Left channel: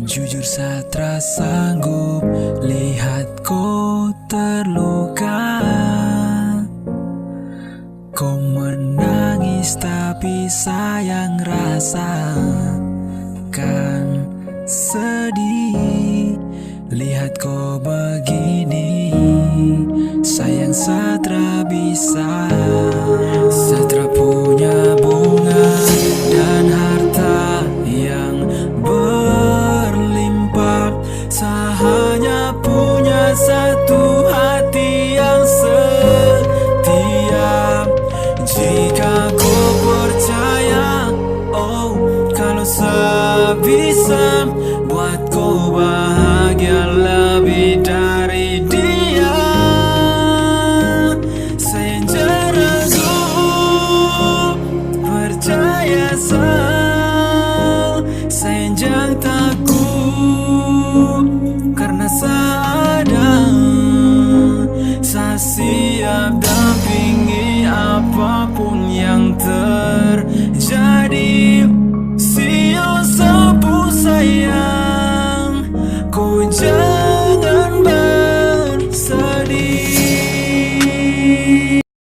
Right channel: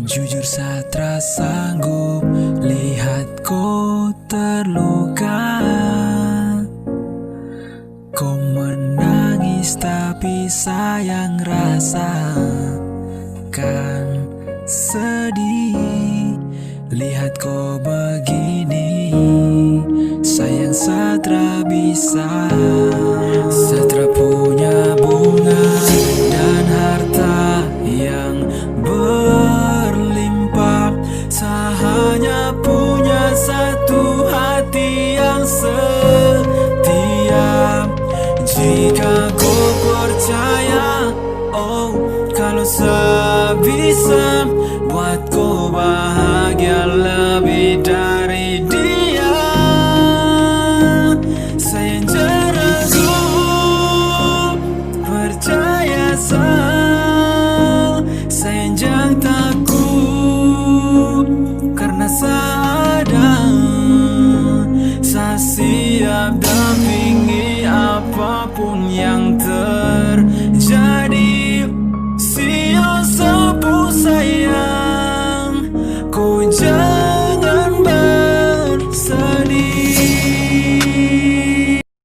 Jujur Satra sanggup lihat kau terluka. Kau menangis tapi sayang rasakan sedih. Lihat kau begini, sayang Satra bisa. Satra punya bunga dan harta yang berlimpah. Saya hanya punya satu hati yang setia. Jika kau percaya, oh, kalau saya bisa buat kau bahagia lebih dari dia. Saya jangan ragu, percaya saya jangan takut, karena saya ada. Saya siap dampingi apapun yang terjadi. Siapa sayang, kau jangan